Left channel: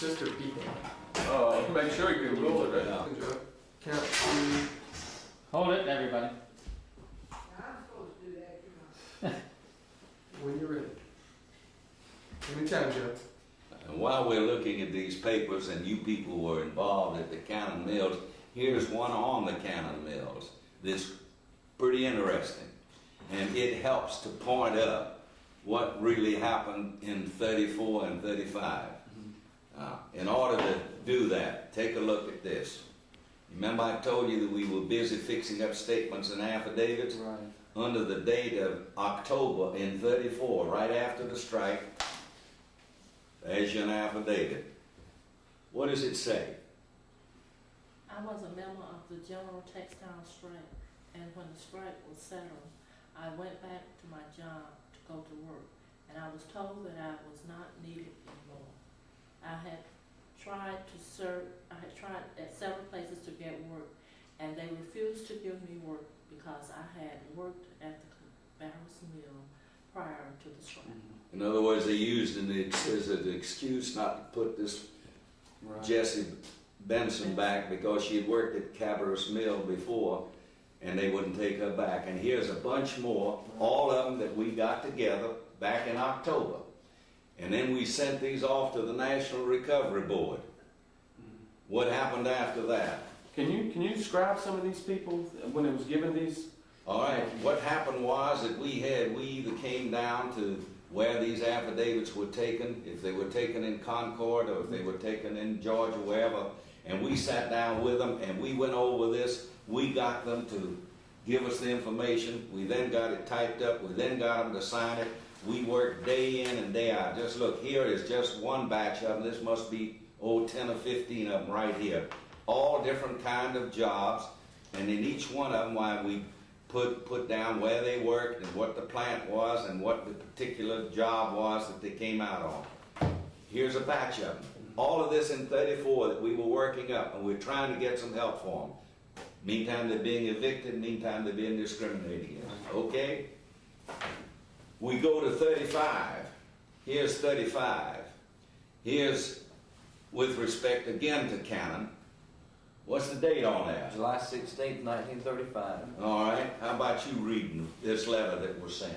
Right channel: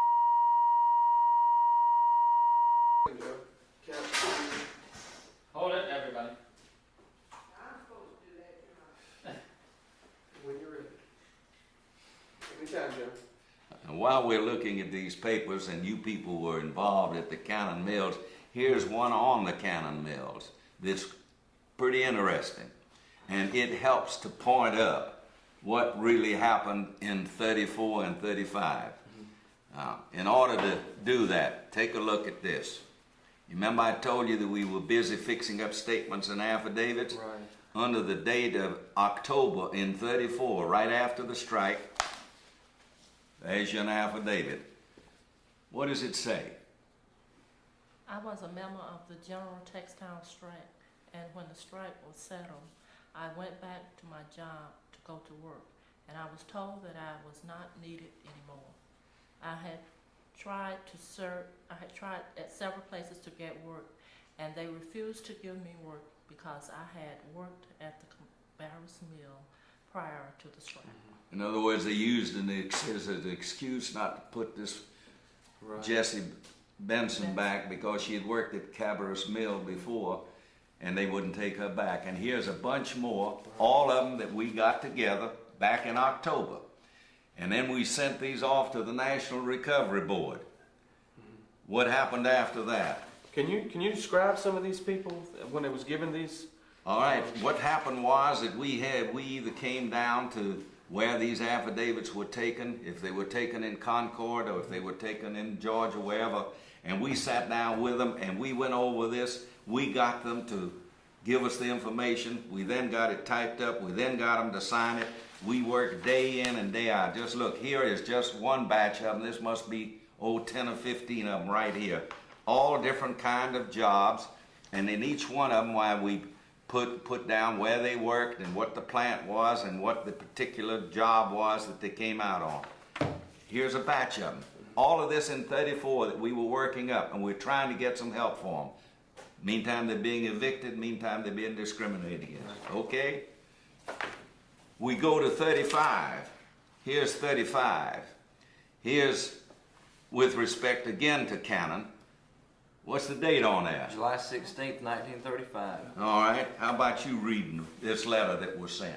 sister people. Make sure you can roll it out. Count to Hold it, everybody. I'm supposed to do that, you know. when you're ready. Anytime, Joe. And while we're looking at these papers and you people were involved at the Cannon Mills, here's one on the Cannon Mills that's pretty interesting. And it helps to point up what really happened in 34 and 35. Now, in order to do that, take a look at this. You remember I told you that we were busy fixing up statements and affidavits? Right. Under the date of October in 34, right after the strike, there's your affidavit. What does it say? I was a member of the General Textile Strike, and when the strike was settled, I went back to my job to go to work, and I was told that I was not needed anymore. I had tried at several places to get work, and they refused to give me work because I had worked at the Barris Mill prior to the strike. In other words, they used it as an excuse not to put this Right. Jessie Benson back because she had worked at Cabarrus Mill before, and they wouldn't take her back. And here's a bunch more, all of them that we got together back in October. And then we sent these off to the National Recovery Board. What happened after that? Can you describe some of these people when it was given these? All right, what happened was that we either came down to where these affidavits were taken, if they were taken in Concord or if they were taken in Georgia, wherever, and we sat down with them and we went over this. We got them to give us the information. We then got it typed up. We then got them to sign it. We worked day in and day out. Just look, here is just one batch of them. This must be, 10 or 15 of them right here. All different kind of jobs, and in each one of them, why we put down where they worked and what the plant was and what the particular job was that they came out on. Here's a batch of them. All of this in 34 that we were working up, and we're trying to get some help for them. Meantime, they're being evicted. Meantime, they're being discriminated against. Okay? We go to 35. Here's 35. Here's, with respect again to Cannon, what's the date on that? July 16th, 1935. All right. How about you reading this letter that was sent?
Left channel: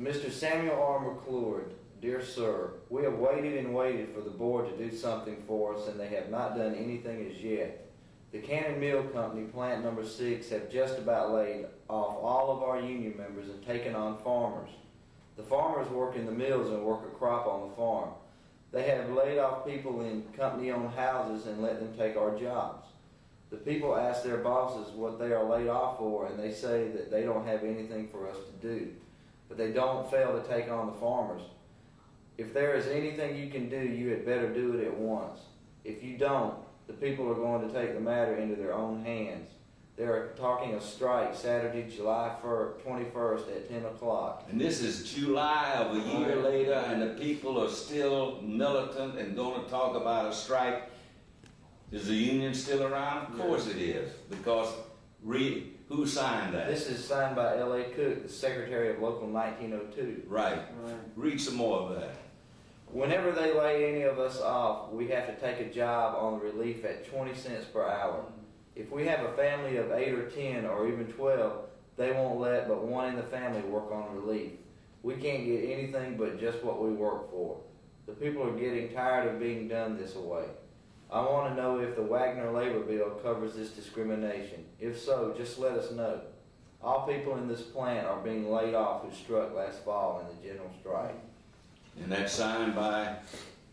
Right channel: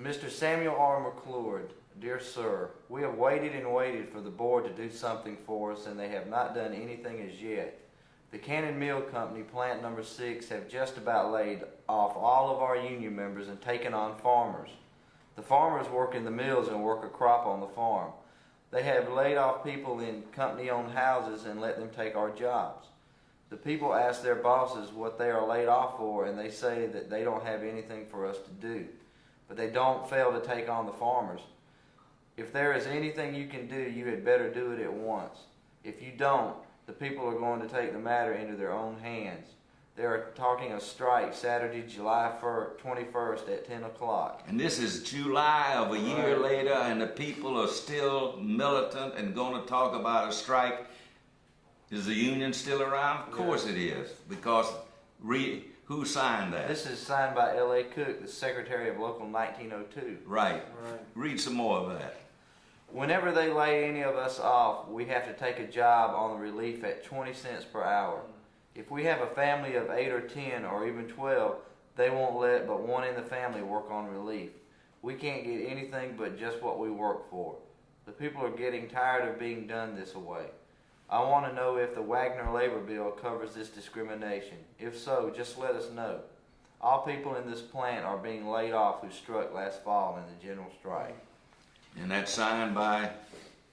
Mr. Samuel R. McClure, dear sir, we have waited and waited for the board to do something for us, and they have not done anything as yet. The Cannon Mill Company, plant number 6, have just about laid off all of our union members and taken on farmers. The farmers work in the mills and work a crop on the farm. They have laid off people in company-owned houses and let them take our jobs. The people ask their bosses what they are laid off for, and they say that they don't have anything for us to do. But they don't fail to take on the farmers. If there is anything you can do, you had better do it at once. If you don't, the people are going to take the matter into their own hands. They are talking a strike Saturday, July 21st at 10 o'clock. And this is July of a year later, and the people are still militant and going to talk about a strike. Is the union still around? Of course it is, because who signed that? This is signed by L.A. Cook, the secretary of Local 1902. Right. Read some more of that. Whenever they lay any of us off, we have to take a job on the relief at 20 cents per hour. If we have a family of 8 or 10 or even 12, they won't let but one in the family work on relief. We can't get anything but just what we work for. The people are getting tired of being done this way. I want to know if the Wagner labor bill covers this discrimination. If so, just let us know. All people in this plant are being laid off who struck last fall in the general strike. And that's signed by?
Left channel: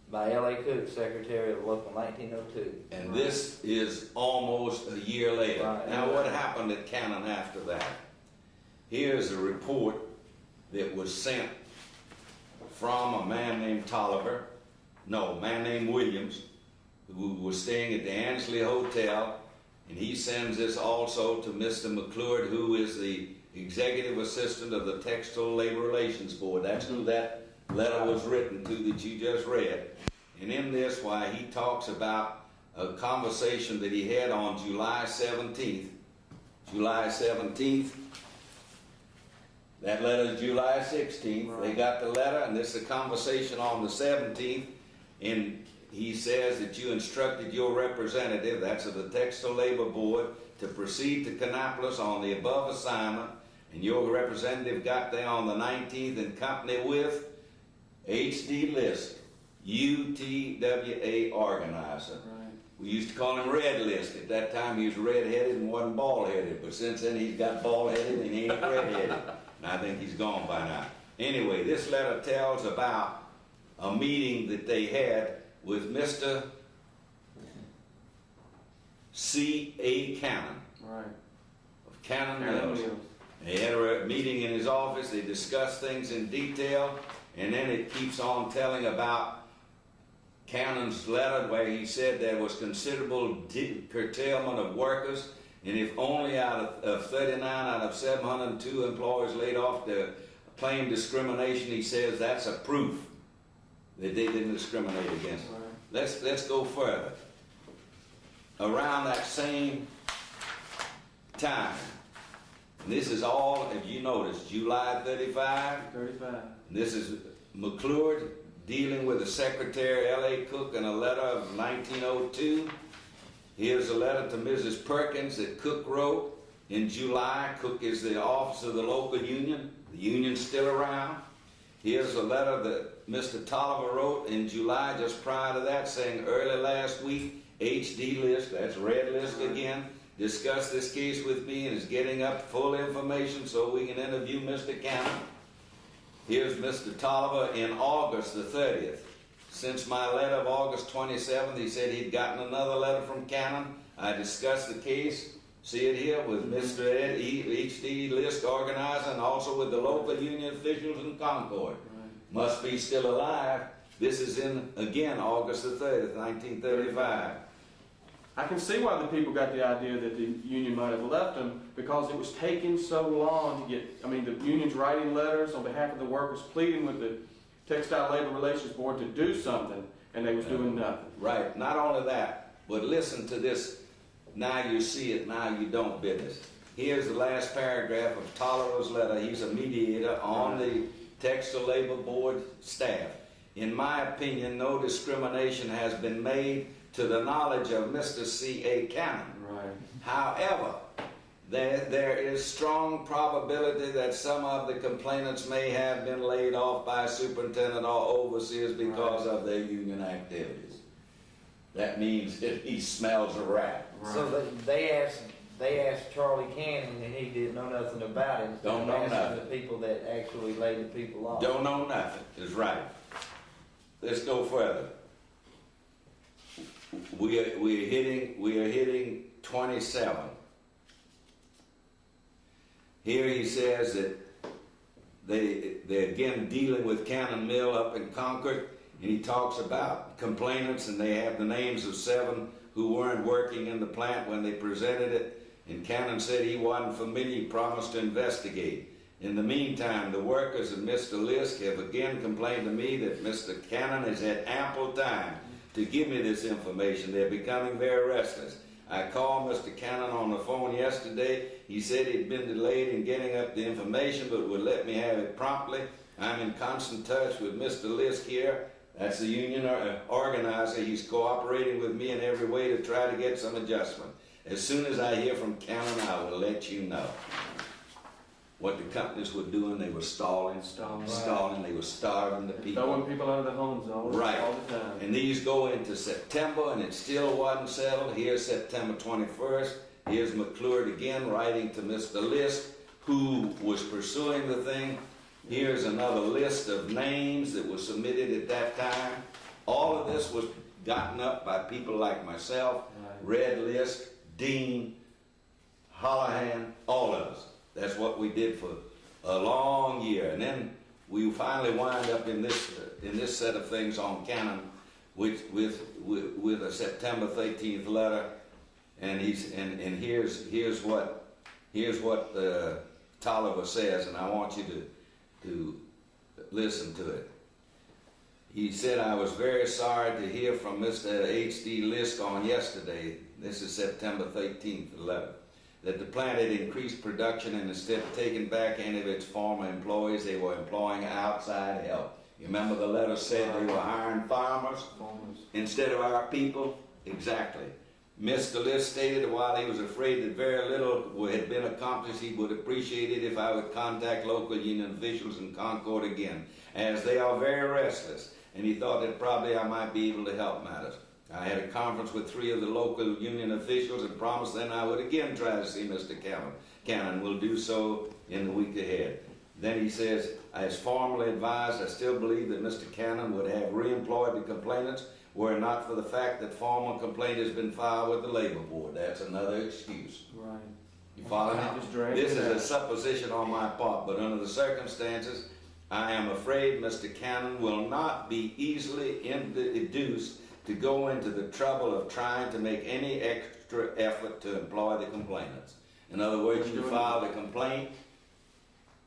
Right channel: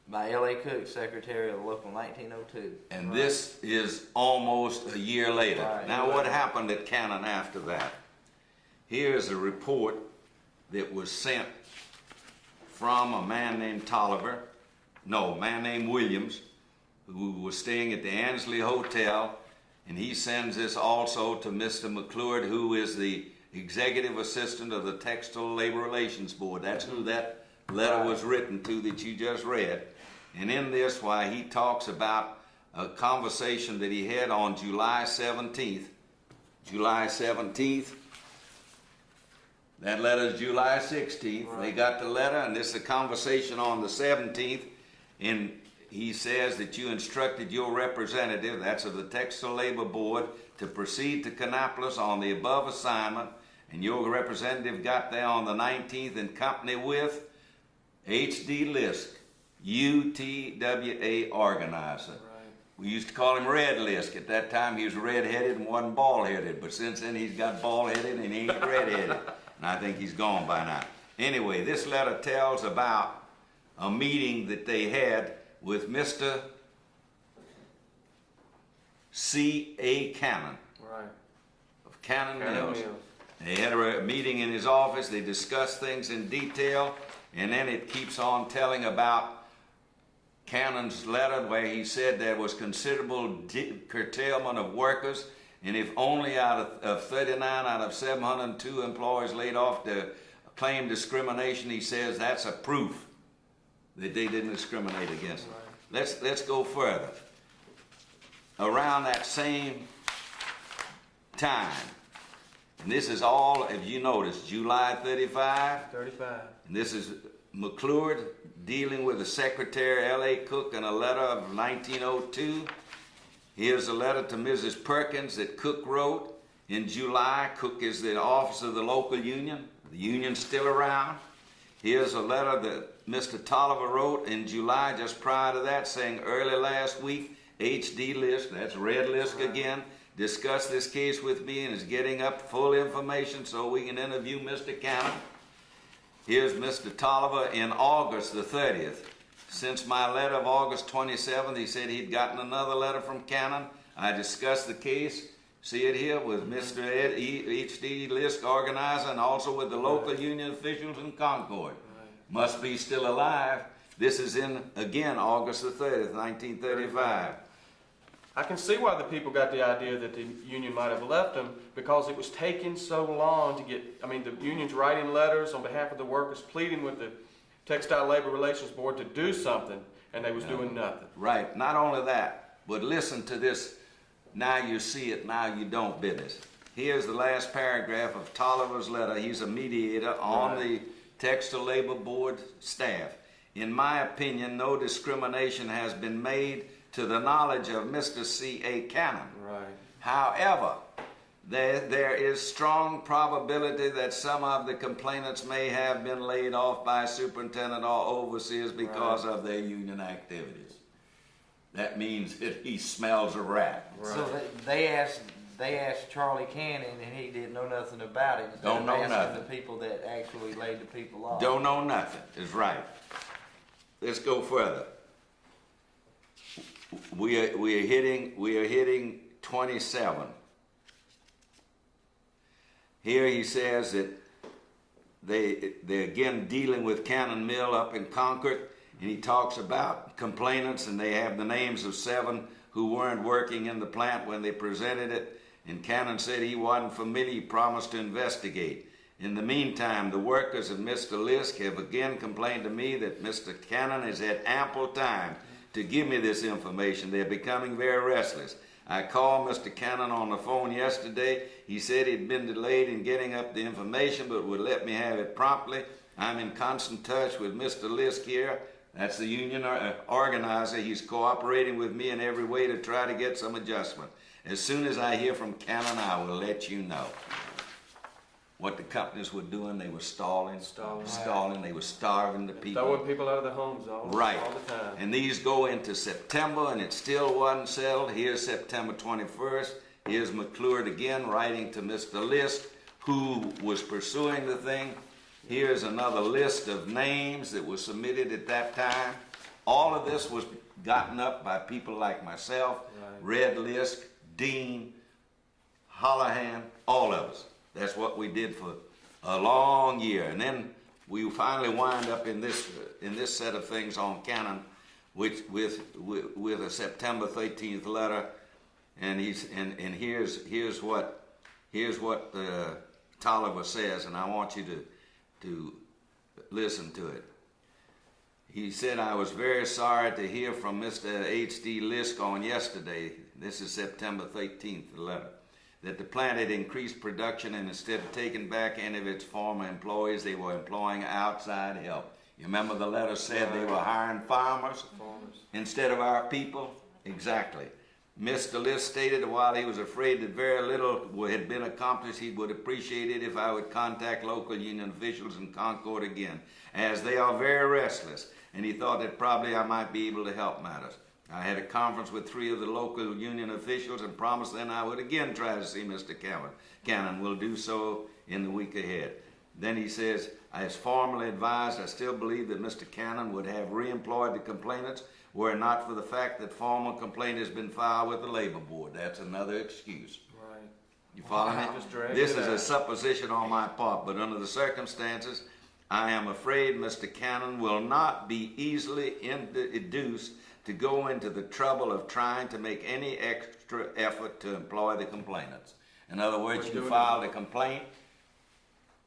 By L.A. Cook, Secretary of Local 1902. And this is almost a year later. Right. Now what happened at Cannon after that? Here's a report that was sent from a man named Williams, who was staying at the Ansley Hotel, and he sends this also to Mr. McClure, who is the executive assistant of the Textile Labor Relations Board. That's who that letter was written to that you just read. And in this, why he talks about a conversation that he had on July 17th. That letter is July 16th. They Right. got the letter, and this is a conversation on the 17th. And he says that you instructed your representative, that's of the Textile Labor Board, to proceed to Kannapolis on the above assignment. And your representative got there on the 19th in company with H.D. Lisk, UTWA organizer. Right. We used to call him Red Lisk. At that time, he was red-headed and wasn't bald-headed. But since then, he's got bald-headed and he ain't red-headed. And I think he's gone by now. Anyway, this letter tells about a meeting that they had with Mr. C.A. Cannon Right. of Cannon Cannon Mills. Mills. They had a meeting in his office. They discussed things in detail. And then it keeps on telling about Cannon's letter where he said there was considerable curtailment of workers, and if only out of 39 out of 702 employees laid off to claim discrimination, he says that's a proof that they didn't discriminate against them. Right. Let's go further. Around that same time, and this is all, if you notice, July 35. 35. And this is McClure dealing with the Secretary L.A. Cook in a letter of 1902. Here's a letter to Mrs. Perkins that Cook wrote in July. Cook is the officer of the local union. The union's still around. Here's a letter that Mr. Tolliver wrote in July just prior to that saying early last week, H.D. Lisk, that's Red Lisk again, discussed this case with me and is getting up full information so we can interview Mr. Cannon. Here's Mr. Tolliver in August the 30th. Since my letter of August 27th, he said he'd gotten another letter from Cannon. I discussed the case, see it here, with Mr. H.D. Lisk, organizer, and also with the local union officials in Concord. Right. Must be still alive. This is in, again, August the 30th, 1935. I can see why the people got the idea that the union might have left them, because it was taking so long to get, I mean, the union's writing letters on behalf of the workers, pleading with the Textile Labor Relations Board to do something, and they was doing nothing. Right. Not only that, but listen to this, now you see it, now you don't business. Here's the last paragraph of Tolliver's letter. He's a mediator on the Textile Labor Board staff. In my opinion, no discrimination has been made to the knowledge of Mr. C.A. Cannon. Right. However, there is strong probability that some of the complainants may have been laid off by superintendent or overseers because of their union activities. That means that he smells a rat. Right. So they asked Charlie Cannon, and he didn't know nothing about it. Instead Don't of know asking nothing. the people that actually laid the people off. Don't know nothing is right. Let's go further. We are hitting 27. Here he says that they're again dealing with Cannon Mill up in Concord, and he talks about complainants, and they have the names of 7 who weren't working in the plant when they presented it. And Cannon said he wasn't familiar. He promised to investigate. In the meantime, the workers and Mr. Lisk have again complained to me that Mr. Cannon has had ample time to give me this information. They're becoming very restless. I called Mr. Cannon on the phone yesterday. He said he'd been delayed in getting up the information, but would let me have it promptly. I'm in constant touch with Mr. Lisk here. That's the union organizer. He's cooperating with me in every way to try to get some adjustment. As soon as I hear from Cannon, I will let you know. What the companies were doing, they were stalling. They were starving the people. Throwing people out of their homes all the time. And these go into September, and it still wasn't settled. Here's September 21st. Here's McClure again writing to Mr. Lisk, who was pursuing the thing. Here's another list of names that were submitted at that time. All of this was gotten up by people like myself, Red Lisk, Dean, Holohan, all of us. That's what we did for a long year. And then we finally wind up in this set of things on Cannon with a September 13th letter. And here's what Tolliver says, and I want you to listen to it. He said, I was very sorry to hear from Mr. H.D. Lisk on yesterday. This is September 13th, the letter. that the plant had increased production, and instead of taking back any of its former employees, they were employing outside help. You remember the letter said they were hiring farmers instead of our people? Exactly. Mr. List stated that while he was afraid that very little had been accomplished, he would appreciate it if I would contact local union officials in Concord again, as they are very restless, and he thought that probably I might be able to help matters. I had a conference with 3 of the local union officials and promised then I would again try to see Mr. Cannon. Will do so in the week ahead. Then he says, as formally advised, I still believe that Mr. Cannon would have reemployed the complainants were it not for the fact that formal complaint has been filed with the labor board. That's another excuse. Right. You follow me? Just drag This it is out. a supposition on my part, but under the circumstances, I am afraid Mr. Cannon will not be easily induced to go into the trouble of trying to make any extra effort to employ the complainants. In other words, you filed a complaint,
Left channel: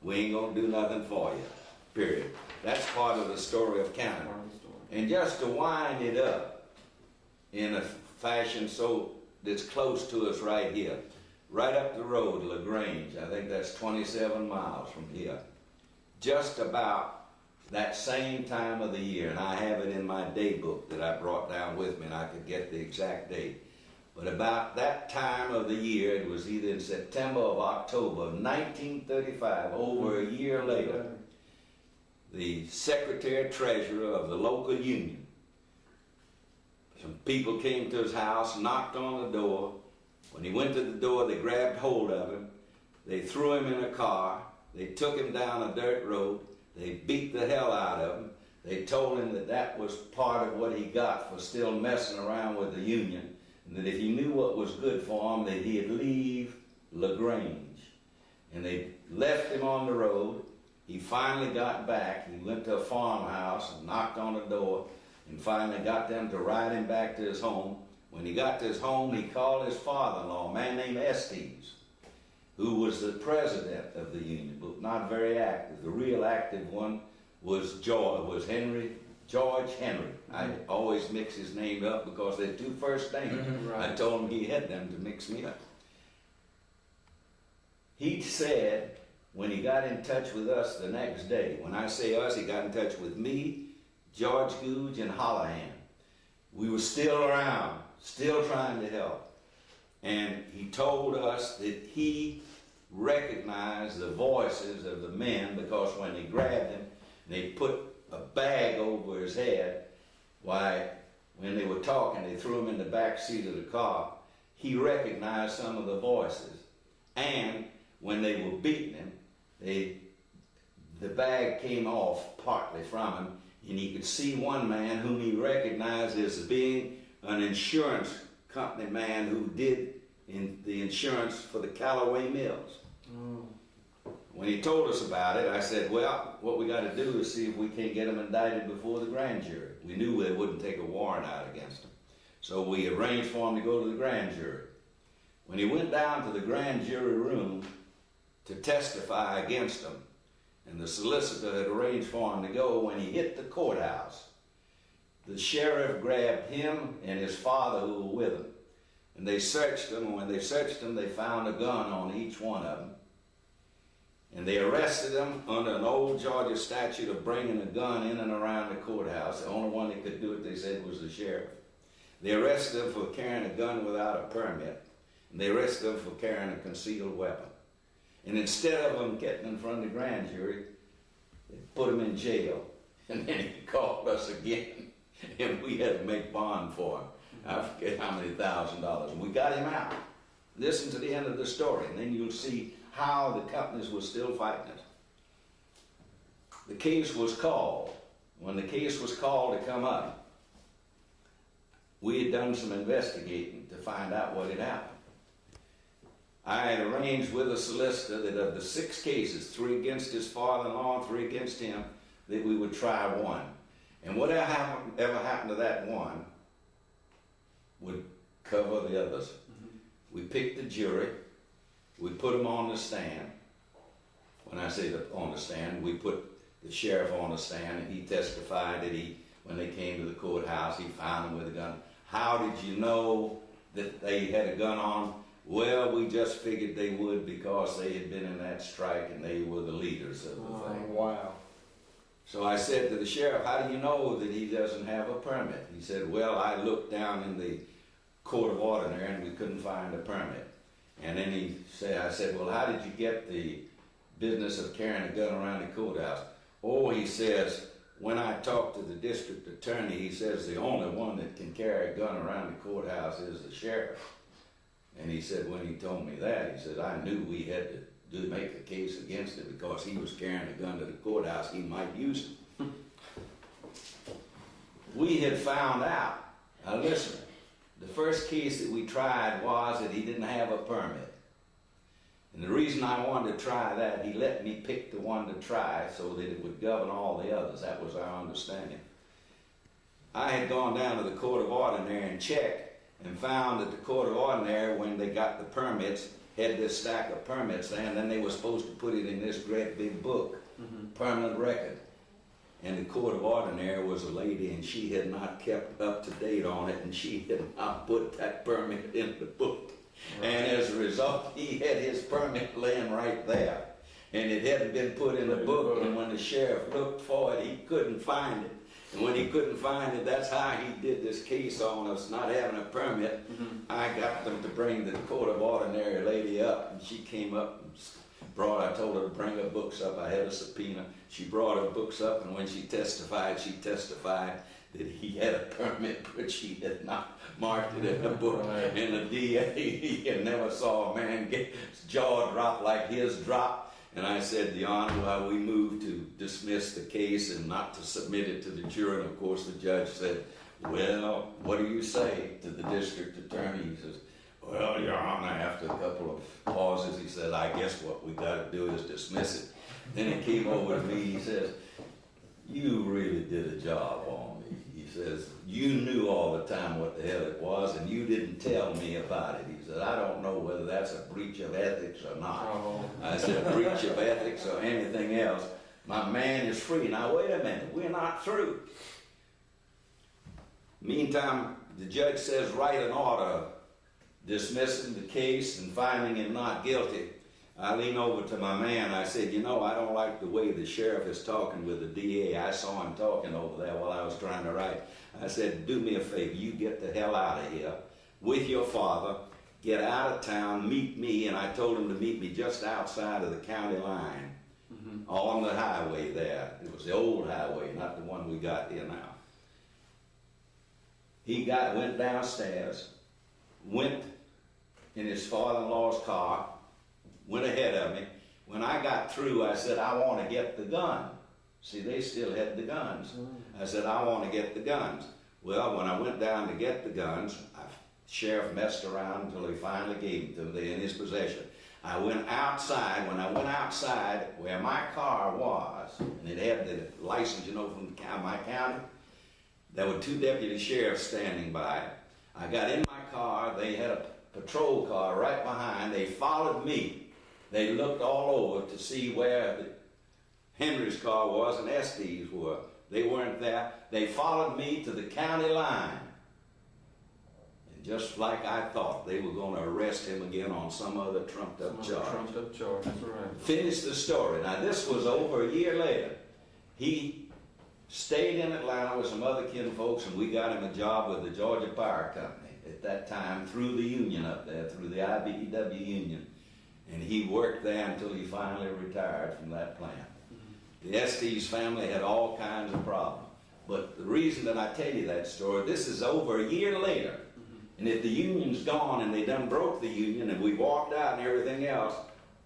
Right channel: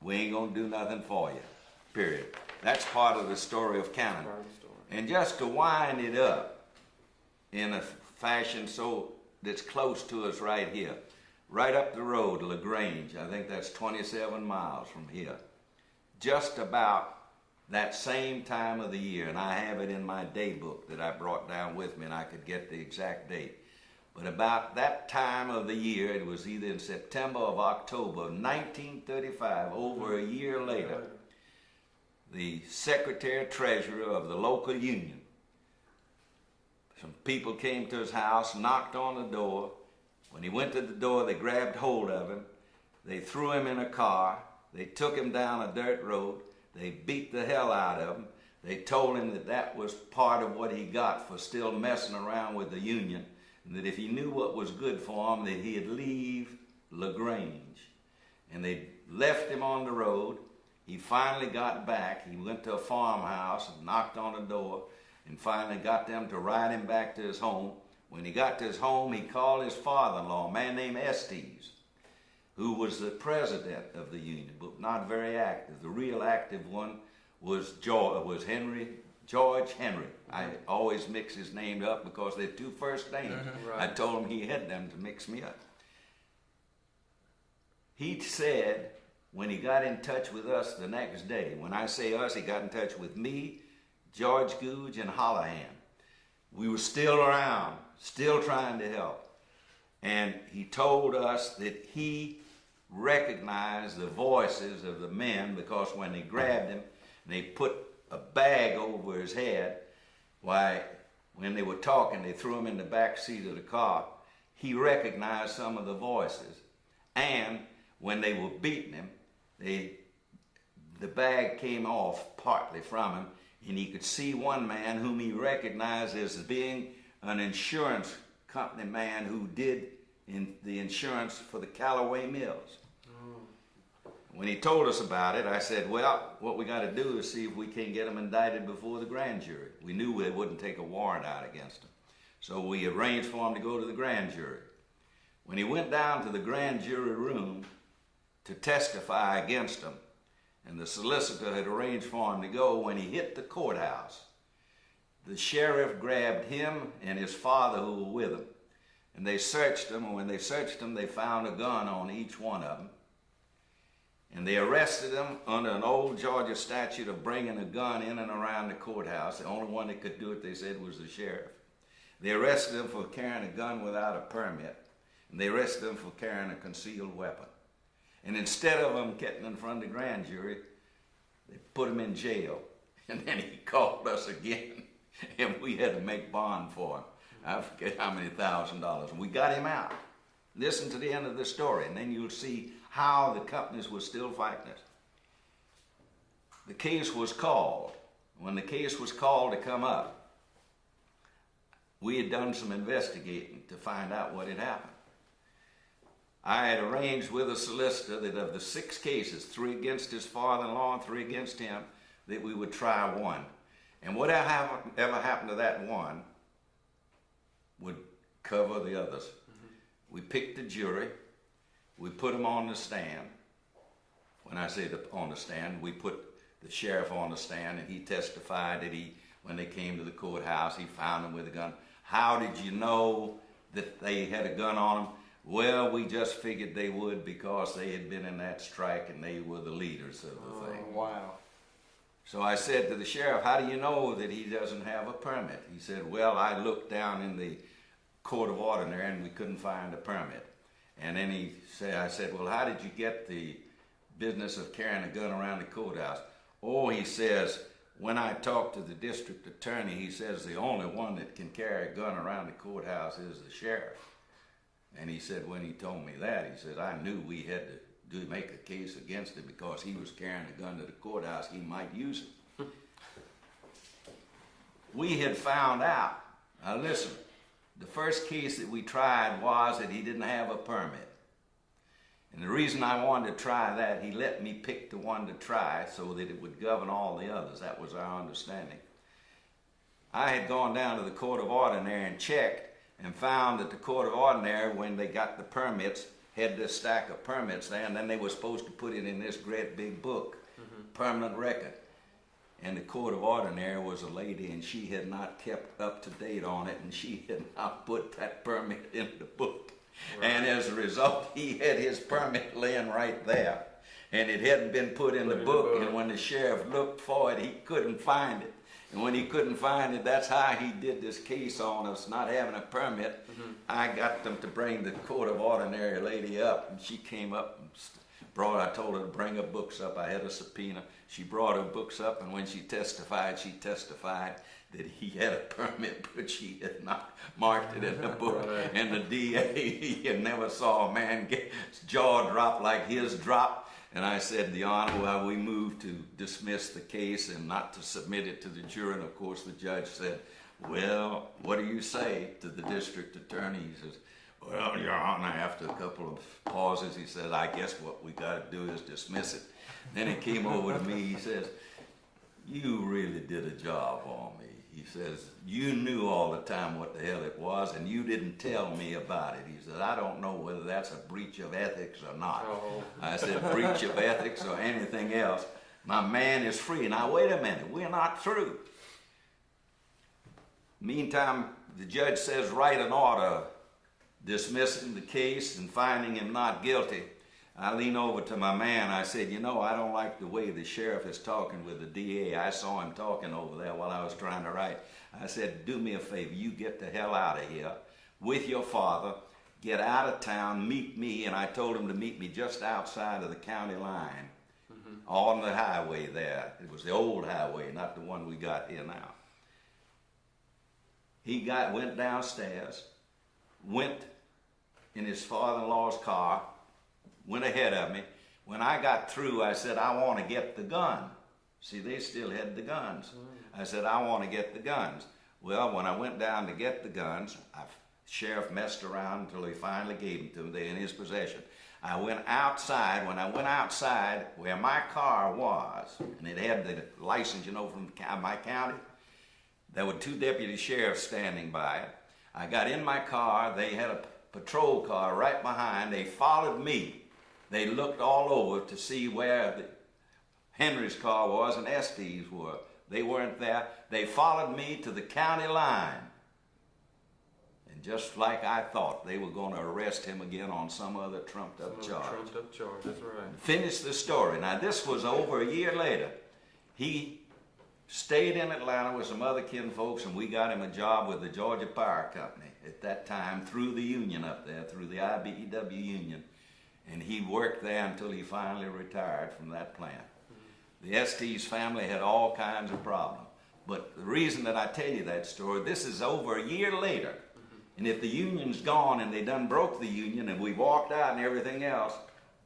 we ain't gonna do nothing for you, period. That's part of the story of Cannon. And just to wind it up in a fashion so that's close to us right here, right up the road, LaGrange, I think that's 27 miles from here, just about that same time of the year, and I have it in my day book that I brought down with me and I could get the exact date. But about that time of the year, it was either in September or October of 1935, over a year later, the secretary-treasurer of the local union, some people came to his house, knocked on the door. When he went to the door, they grabbed hold of him. They threw him in a car. They took him down a dirt road. They beat the hell out of him. They told him that that was part of what he got for still messing around with the union, and that if he knew what was good for him, that he'd leave LaGrange. And they left him on the road. He finally got back. He went to a farmhouse and knocked on the door and finally got them to ride him back to his home. When he got to his home, he called his father-in-law, a man named Estes, who was the president of the union, but not very active. The real active one was George Henry. I always mix his name up because they're 2 first names. Right. I told him he had them to mix me up. He said, when he got in touch with us the next day, when I say us, he got in touch with me, George Googe, and Holohan. We were still around, still trying to help. And he told us that he recognized the voices of the men because when they grabbed him, they put a bag over his head. Why, when they were talking, they threw him in the back seat of the car. He recognized some of the voices. And when they were beating him, the bag came off partly from him, and he could see one man whom he recognized as being an insurance company man who did the insurance for the Callaway Mills. When he told us about it, I said, well, what we got to do is see if we can't get him indicted before the grand jury. We knew they wouldn't take a warrant out against him. So we arranged for him to go to the grand jury. When he went down to the grand jury room to testify against him, and the solicitor had arranged for him to go, when he hit the courthouse, the sheriff grabbed him and his father who were with him, and they searched him, and when they searched him, they found a gun on each one of them. And they arrested him under an old Georgia statute of bringing a gun in and around the courthouse. The only one that could do it, they said, was the sheriff. They arrested him for carrying a gun without a permit, and they arrested him for carrying a concealed weapon. And instead of him getting in front of the grand jury, they put him in jail. And then he called us again, and we had to make bond for him. I forget how many $1,000s. And we got him out. Listen to the end of the story, and then you'll see how the companies were still fighting it. The case was called. When the case was called to come up, we had done some investigating to find out what had happened. I had arranged with a solicitor that of the 6 cases, 3 against his father-in-law, 3 against him, that we would try one. And whatever happened to that one would cover the others. We picked the jury. We put them on the stand. When I say on the stand, we put the sheriff on the stand, and he testified that when they came to the courthouse, he found them with a gun. How did you know that they had a gun on them? Well, we just figured they would because they had been in that strike and they were the leaders of the thing. Wow. So I said to the sheriff, how do you know that he doesn't have a permit? He said, well, I looked down in the court of ordinary and we couldn't find a permit. And then I said, well, how did you get the business of carrying a gun around the courthouse? Oh, he says, when I talked to the district attorney, he says the only one that can carry a gun around the courthouse is the sheriff. And he said, when he told me that, he said, I knew we had to make a case against him because he was carrying a gun to the courthouse, he might use it. We had found out, now listen, the first case that we tried was that he didn't have a permit. And the reason I wanted to try that, he let me pick the one to try so that it would govern all the others. That was our understanding. I had gone down to the court of ordinary and checked and found that the court of ordinary, when they got the permits, had this stack of permits there, and then they were supposed to put it in this great big book, permanent record. And the court of ordinary was a lady, and she had not kept up to date on it, and she had not put that permit in the book. Right. And as a result, he had his permit laying right there, and it hadn't been put in the book, and when the sheriff looked for it, he couldn't find it. And when he couldn't find it, that's how he did this case on us not having a permit. I got them to bring the court of ordinary lady up, and she came up and I told her to bring her books up. I had a subpoena. She brought her books up, and when she testified that he had a permit, but she had not marked it in the book. Right. And the DA, he never saw a man get his jaw drop like his dropped. And I said, Your Honor, we moved to dismiss the case and not to submit it to the jury. And of course, the judge said, well, what do you say to the district attorney? He says, well, Your Honor, after a couple of pauses, he said, I guess what we got to do is dismiss it. Then he came over to me, he says, you really did a job on me. He says, you knew all the time what the hell it was, and you didn't tell me about it. He said, I don't know whether that's a breach of ethics or not. Oh. I said, breach of ethics or anything else. My man is free. Now, wait a minute, we're not through. Meantime, the judge says, write an order dismissing the case and finding him not guilty. I lean over to my man. I said, you know, I don't like the way the sheriff is talking with the DA. I saw him talking over there while I was trying to write. I said, do me a favor. You get the hell out of here with your father. Get out of town. Meet me. And I told him to meet me just outside of the county line on the highway there. It was the old highway, not the one we got here now. He went downstairs, went in his father-in-law's car, went ahead of me. When I got through, I said, I want to get the gun. See, they still had the guns. I said, I want to get the guns. Well, when I went down to get the guns, the sheriff messed around until he finally gave them to him. They're in his possession. I went outside. When I went outside where my car was, and it had the license, you know, from my county, there were two deputy sheriffs standing by. I got in my car. They had a patrol car right behind. They followed me. They looked all over to see where Henry's car was and Estes were. They weren't there. They followed me to the county line. And just like I thought, they were going to arrest him again on some other trumped-up charge. Trumped-up charge, that's right. Finish the story. Now, this was over a year later. He stayed in Atlanta with some other kinfolks, and we got him a job with the Georgia Power Company at that time through the union up there, through the IBEW union. And he worked there until he finally retired from that plant. The Estes family had all kinds of problems. But the reason that I tell you that story, this is over a year later. And if the union's gone and they done broke the union and we walked out and everything else,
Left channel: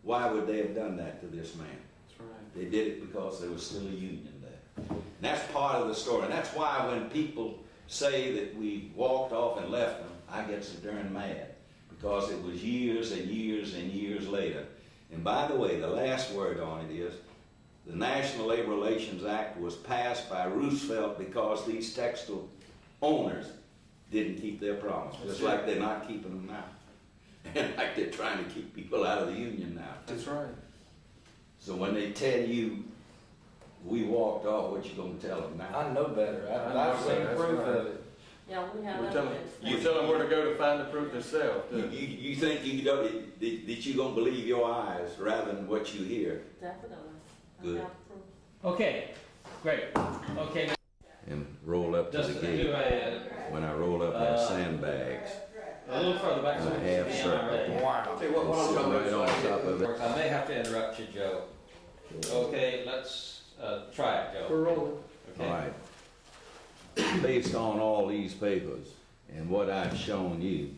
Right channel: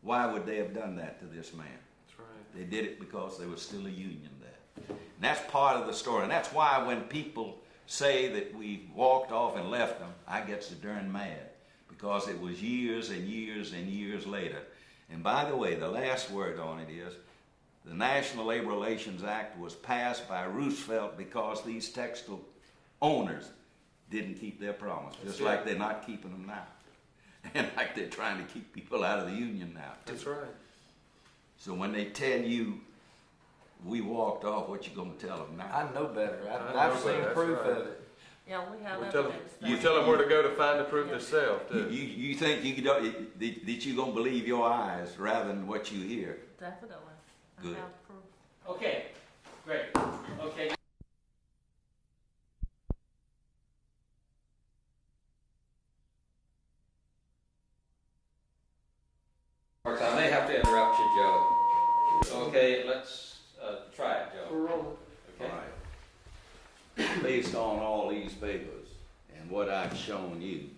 why would they have done that to this man? That's right. They did it because there was still a union there. And that's part of the story. And that's why when people say that we walked off and left them, I get so darn mad. Because it was years and years and years later. And by the way, the last word on it is, the National Labor Relations Act was passed by Roosevelt because these textile owners didn't keep their promise, just like they're not keeping them now. And like they're trying to keep people out of the union now. That's right. So when they tell you, we walked off, what you gonna tell them now? I know better. I've seen proof of it. Yeah, we have We tell them, evidence. you tell them where to go to find the proof themselves, too. You think that you gonna believe your eyes rather than what you hear? Definitely. I Good. have proof. Okay, great. Okay, And roll up to just the do gate. a When I roll up, have sandbags. little further back. And so a we half can see circle. already. I'll tell you what I'm Sit gonna right on top of it. I may have to interrupt you, Joe. Okay, let's try it, Joe. We're rolling. All Okay. right. Based on all these papers and what I've shown you,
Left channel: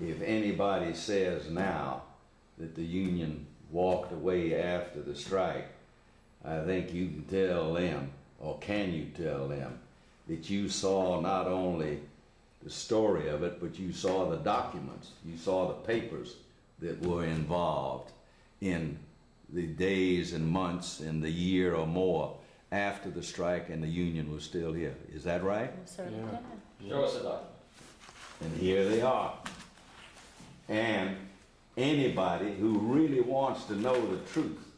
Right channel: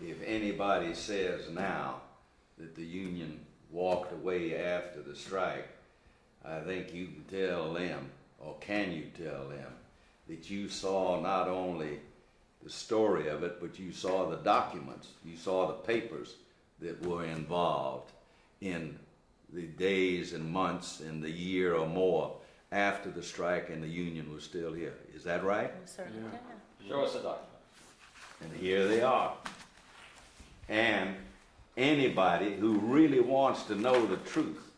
if anybody says now that the union walked away after the strike, I think you can tell them, or can you tell them, that you saw not only the story of it, but you saw the documents, you saw the papers that were involved in the days and months and the year or more after the strike and the union was still here. Is that right? We certainly Yeah. can. Show us the document. And here they are. And anybody who really wants to know the truth,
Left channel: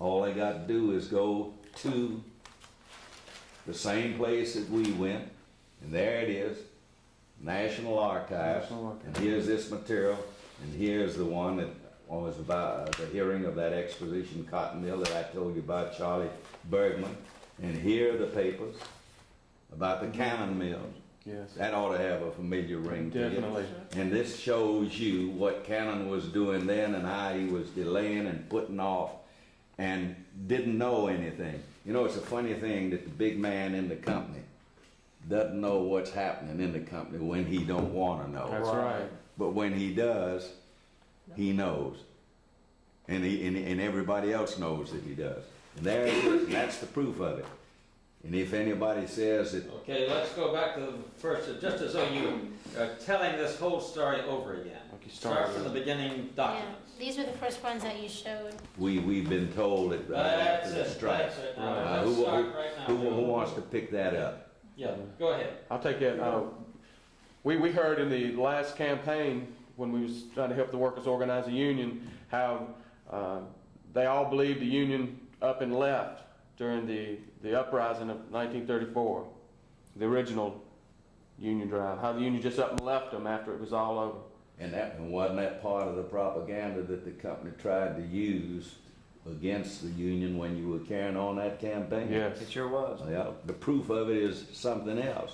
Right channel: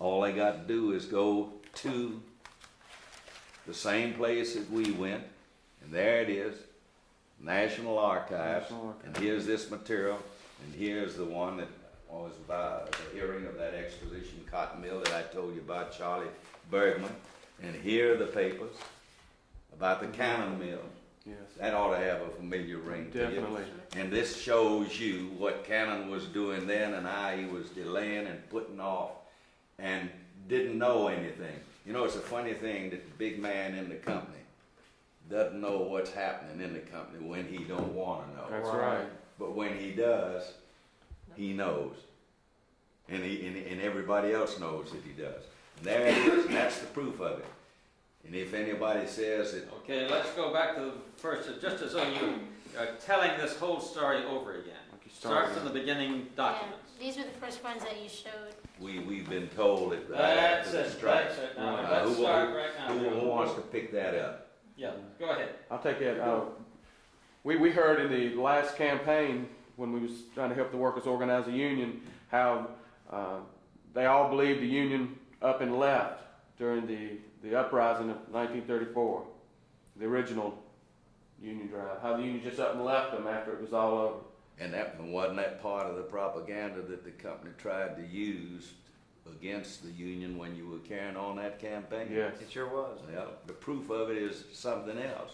all they got to do is go to the same place that we went, and there it is, National Archives, and here's this material, and here's the one that was about the hearing of that exposition cotton mill that I told you about, Charlie Bergman, and here are the papers about the cannon mill. Yes. That ought to have a familiar ring to you. Definitely. And this shows you what Cannon was doing then and how he was delaying and putting off and didn't know anything. You know, it's a funny thing that the big man in the company doesn't know what's happening in the company when he don't want to know. That's right. But when he does, he knows. And everybody else knows that he does. And there it is, and that's the proof of it. And if anybody says that, Okay, let's go back to the first, just as though you are telling this whole story over again. Start from the beginning documents. Yeah, these were the first ones that you showed. we've been told that right That's after the it, strike. that's it. Now, Uh, let's start right now. Who wants to pick that up? Yeah, go ahead. I'll take that. We heard in the last campaign when we was trying to help the workers organize a union how they all believed the union up and left during the uprising of 1934, the original union drive. How the union just up and left them after it was all over. And wasn't that part of the propaganda that the company tried to use against the union when you were carrying on that campaign? Yes. It sure was. Well, the proof of it is something else.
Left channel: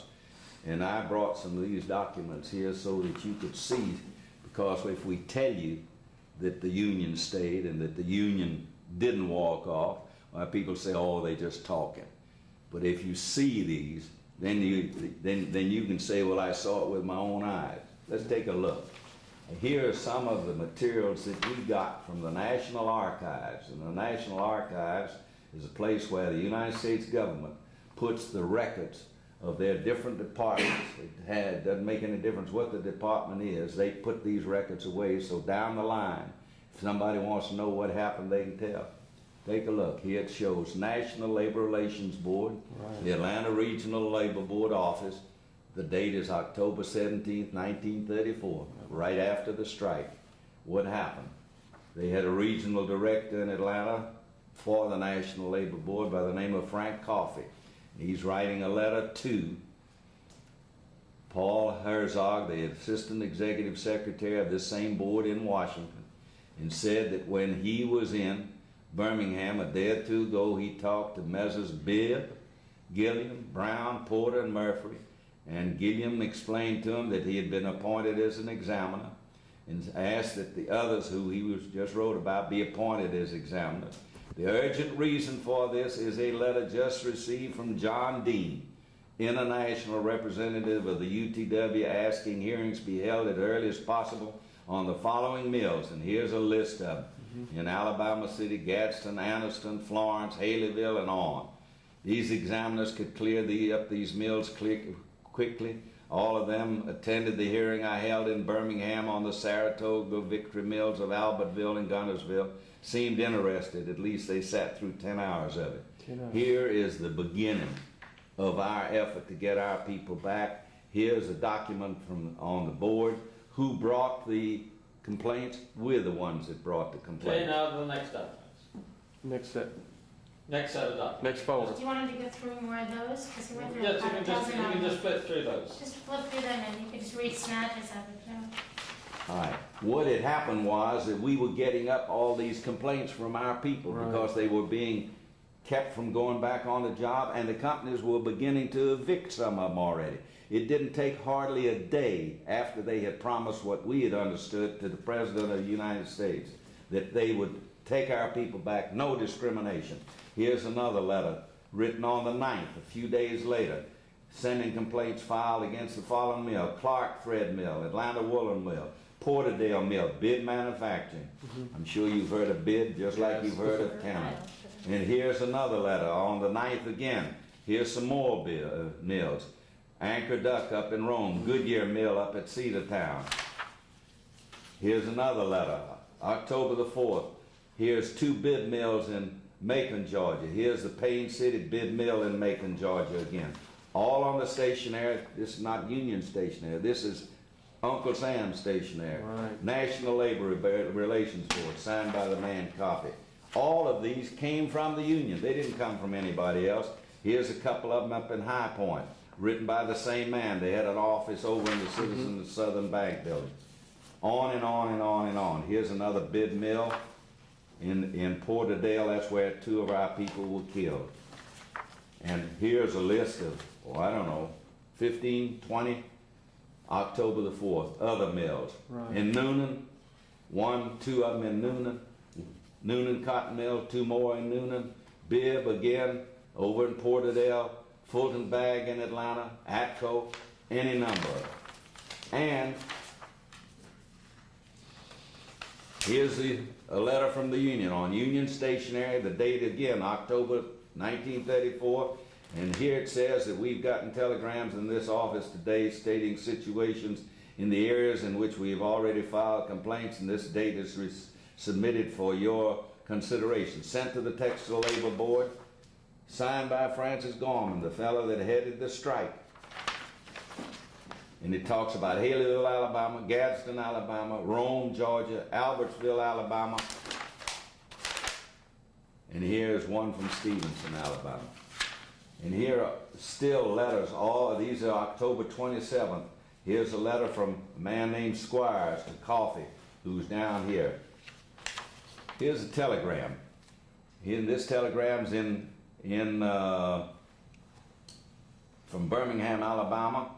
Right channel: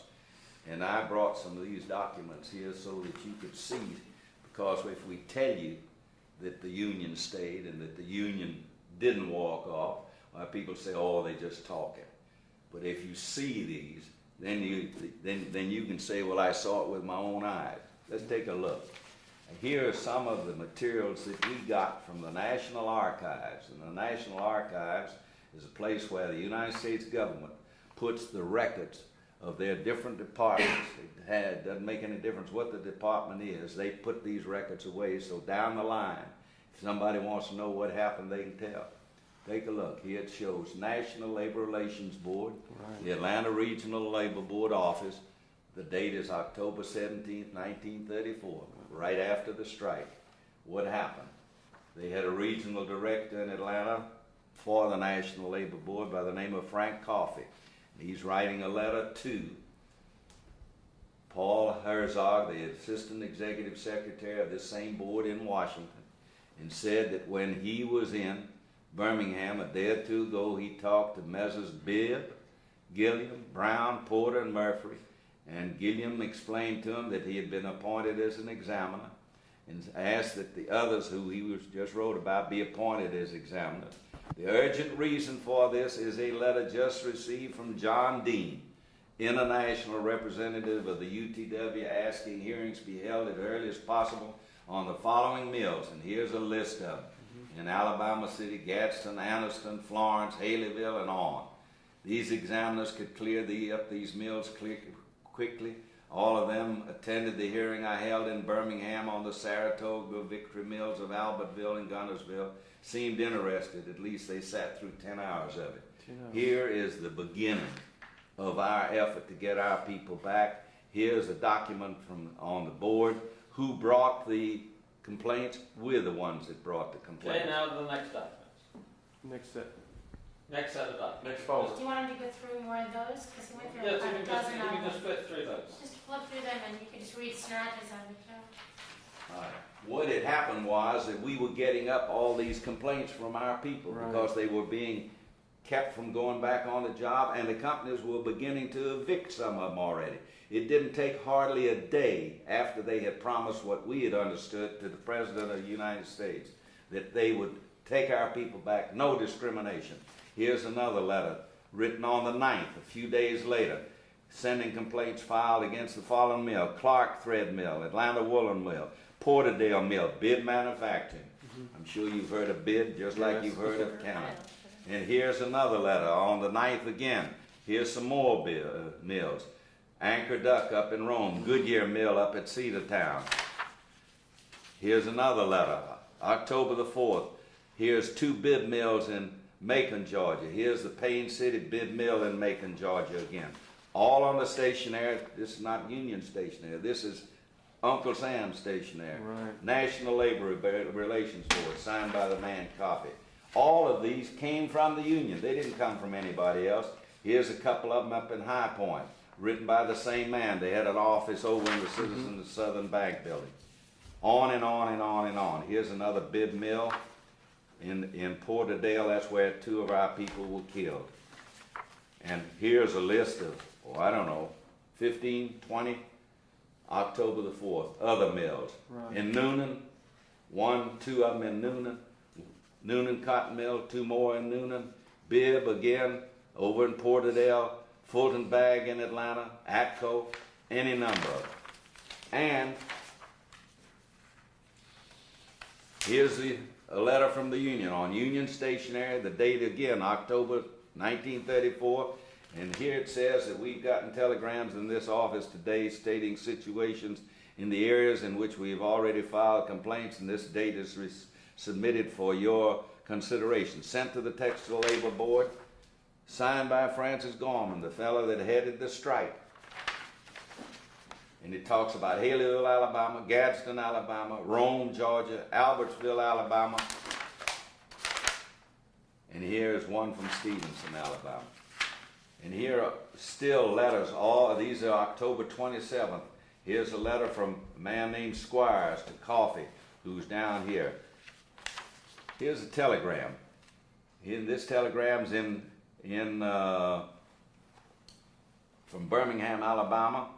And I brought some of these documents here so that you could see, because if we tell you that the union stayed and that the union didn't walk off, well, people say, oh, they just talking. But if you see these, then you can say, well, I saw it with my own eyes. Let's take a look. Here are some of the materials that we got from the National Archives. And the National Archives is a place where the United States government puts the records of their different departments. It doesn't make any difference what the department is. They put these records away so down the line, if somebody wants to know what happened, they can tell. Take a look. Here it shows National Labor Relations Board, the Atlanta Regional Labor Board office. The date is October 17th, 1934, right after the strike. What happened? They had a regional director in Atlanta for the National Labor Board by the name of Frank Coffey. He's writing a letter to Paul Herzog, the Assistant Executive Secretary of this same board in Washington, and said that when he was in Birmingham a day or two ago, he talked to Messrs. Bibb, Gilliam, Brown, Porter, and Murphy, and Gilliam explained to him that he had been appointed as an examiner and asked that the others who he was just wrote about be appointed as examiners. The urgent reason for this is a letter just received from John Dean, international representative of the UTW, asking hearings be held as early as possible on the following mills, and here's a list of them. In Alabama City, Gadsden, Anniston, Florence, Haleyville, and on. These examiners could clear up these mills quickly. All of them attended the hearing I held in Birmingham on the Saratoga Victory Mills of Albertville and Gunnersville. Seemed interested. At least they sat through 10 hours of it. Here is the beginning of our effort to get our people back. Here's a document from on the board. Who brought the complaints? We're the ones that brought the complaints. Okay, now to the next documents. Next step. Next set of documents. Next folder. Do you want him to go through more of those? Because he went through Yes, about a dozen you of can them. just flip through those. Just flip through them and you could just read snatches of it, Joe. All right. What had happened was that we were getting up all these complaints from our people Right. because they were being kept from going back on the job, and the companies were beginning to evict some of them already. It didn't take hardly a day after they had promised what we had understood to the President of the United States, that they would take our people back, no discrimination. Here's another letter written on the 9th, a few days later, sending complaints filed against the following mill: Clark Thread Mill, Atlanta Woolen Mill, Porterdale Mill, Bid Manufacturing. I'm sure you've heard of Bid just like Yes. you've heard of Cameron. And here's another letter on the 9th again. Here's some more mills. Anchor Duck up in Rome, Goodyear Mill up at Cedartown. Here's another letter, October the 4th. Here's 2 bid mills in Macon, Georgia. Here's the Payne City bid mill in Macon, Georgia again. All on the stationery. This is not union stationery. This is Uncle Sam's stationery. Right. National Labor Relations Board, signed by the man Coffee. All of these came from the union. They didn't come from anybody else. Here's a couple of them up in High Point, written by the same man. They had an office over in the Citizens Southern Bank building. On and on and on and on. Here's another bid mill in Porterdale. That's where 2 of our people were killed. And here's a list of, I don't know, 15, 20, October the 4th, other mills. Right. In Noonan, 1, 2 of them in Noonan. Noonan Cotton Mill, 2 more in Noonan. Bibb again, over in Porterdale. Fulton Bag in Atlanta. Atco, any number of them. And here's a letter from the union on Union Stationery, the date again, October 1934. And here it says that we've gotten telegrams in this office today stating situations in the areas in which we have already filed complaints, and this date is submitted for your consideration. Sent to the Textile Labor Board, signed by Francis Gorman, the fellow that headed the strike. And it talks about Haleyville, Alabama, Gadsden, Alabama, Rome, Georgia, Albertsville, Alabama. And here's one from Stevenson, Alabama. And here are still letters. All of these are October 27th. Here's a letter from a man named Squires to Coffee, who's down here. Here's a telegram. This telegram's from Birmingham, Alabama.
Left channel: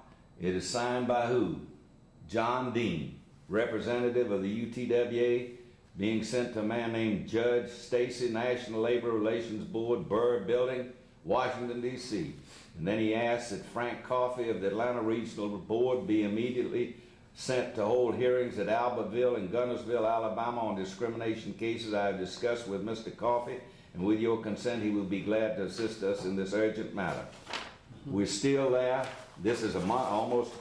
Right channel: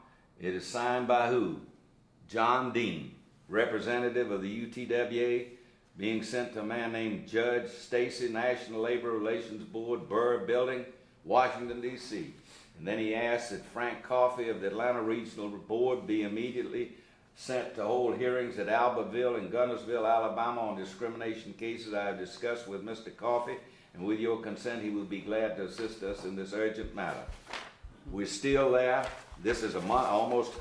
It is signed by who? John Dean, representative of the UTWA, being sent to a man named Judge Stacy, National Labor Relations Board, Burr Building, Washington, D.C. And then he asks that Frank Coffey of the Atlanta Regional Board be immediately sent to hold hearings at Albertville and Gunnersville, Alabama on discrimination cases I have discussed with Mr. Coffey, and with your consent he will be glad to assist us in this urgent matter. We're still there. This is a month, almost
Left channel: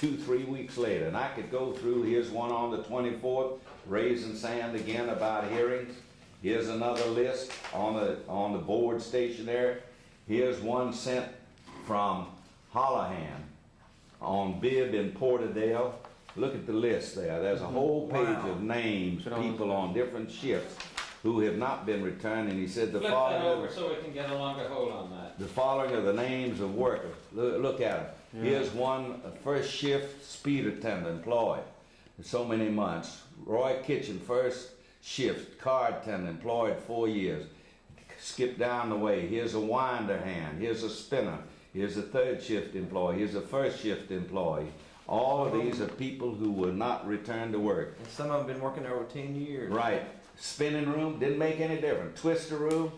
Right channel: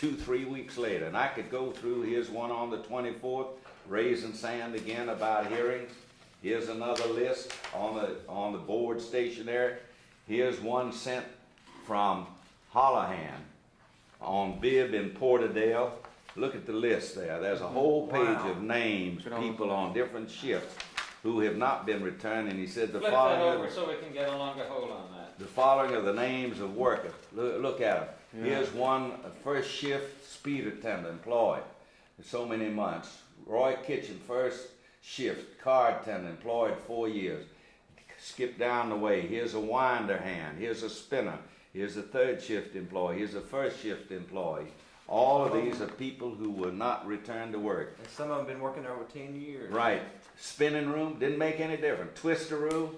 2-3 weeks later, and I could go through. Here's one on the 24th, raising sand again about hearings. Here's another list on the board stationery. Here's one sent from Holohan on Bibb in Porterdale. Look at the list there. There's a whole page of names, people on different shifts who have not been returned, and he said the Flip that following. over so we can get a longer hold on that. The following are the names of workers. Look at them. Here's one, first shift speed attendant employed for so many months. Roy Kitchen, first shift car attendant employed 4 years. Skip down the way. Here's a winder hand. Here's a spinner. Here's a third shift employee. Here's a first shift employee. All of these are people who were not returned to work. And some of them been working there over 10 years. Right. Spinning room, didn't make any difference. Twister room,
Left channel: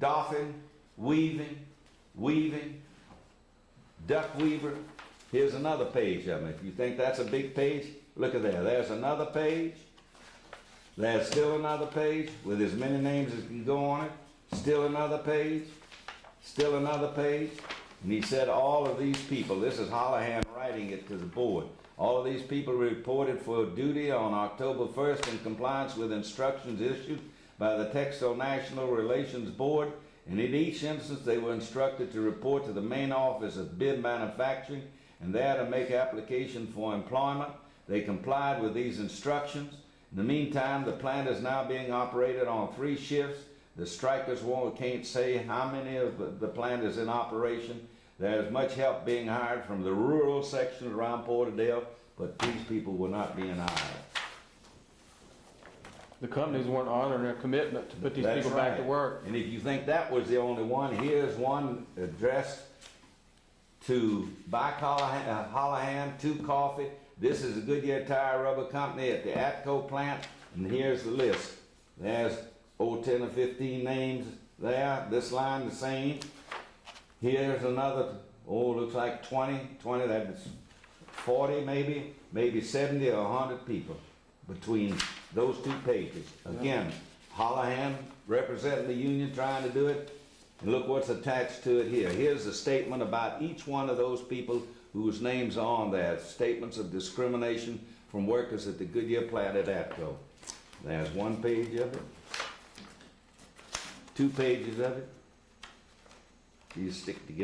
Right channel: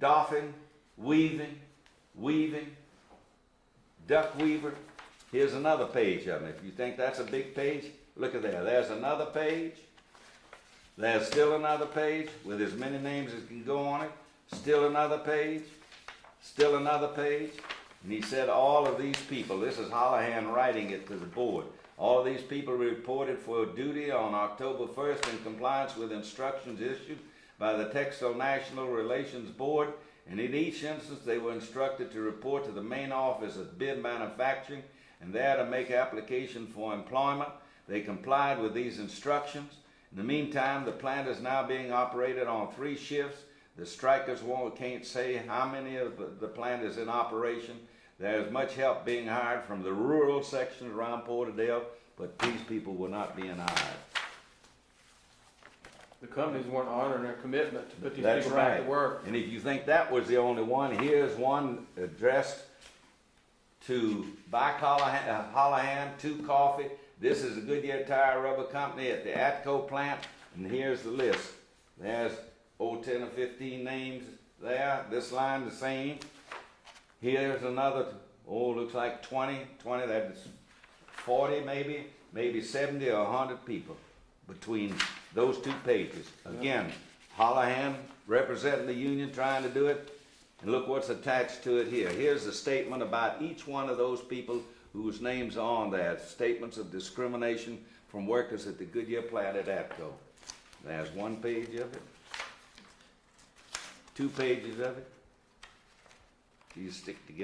doffing, weaving, duck weaver. Here's another page of them. If you think that's a big page, look at there. There's another page. There's still another page with as many names as can go on it. Still another page. Still another page. And he said all of these people, this is Holohan writing it to the board, all of these people reported for duty on October 1st in compliance with instructions issued by the Textile National Relations Board, and in each instance they were instructed to report to the main office of Bid Manufacturing and there to make application for employment. They complied with these instructions. In the meantime, the plant is now being operated on 3 shifts. The strikers can't say how many of the plant is in operation. There's much help being hired from the rural section around Porterdale, but these people were not being hired. The companies weren't honoring their commitment to put these That's people back to right. work. And if you think that was the only one, here's one addressed to Buy Hollahan, 2 Coffee. This is a Goodyear Tire Rubber Company at the Atco plant, and here's the list. There's 10 or 15 names there. This line the same. Here's another, looks like 20, that's 40 maybe 70 or 100 people between those 2 pages. Again, Hollahan representing the union trying to do it. And look what's attached to it here. Here's a statement about each one of those people whose names are on there. Statements of discrimination from workers at the Goodyear plant at Atco. There's 1 page of it. 2 pages of it. These stick together.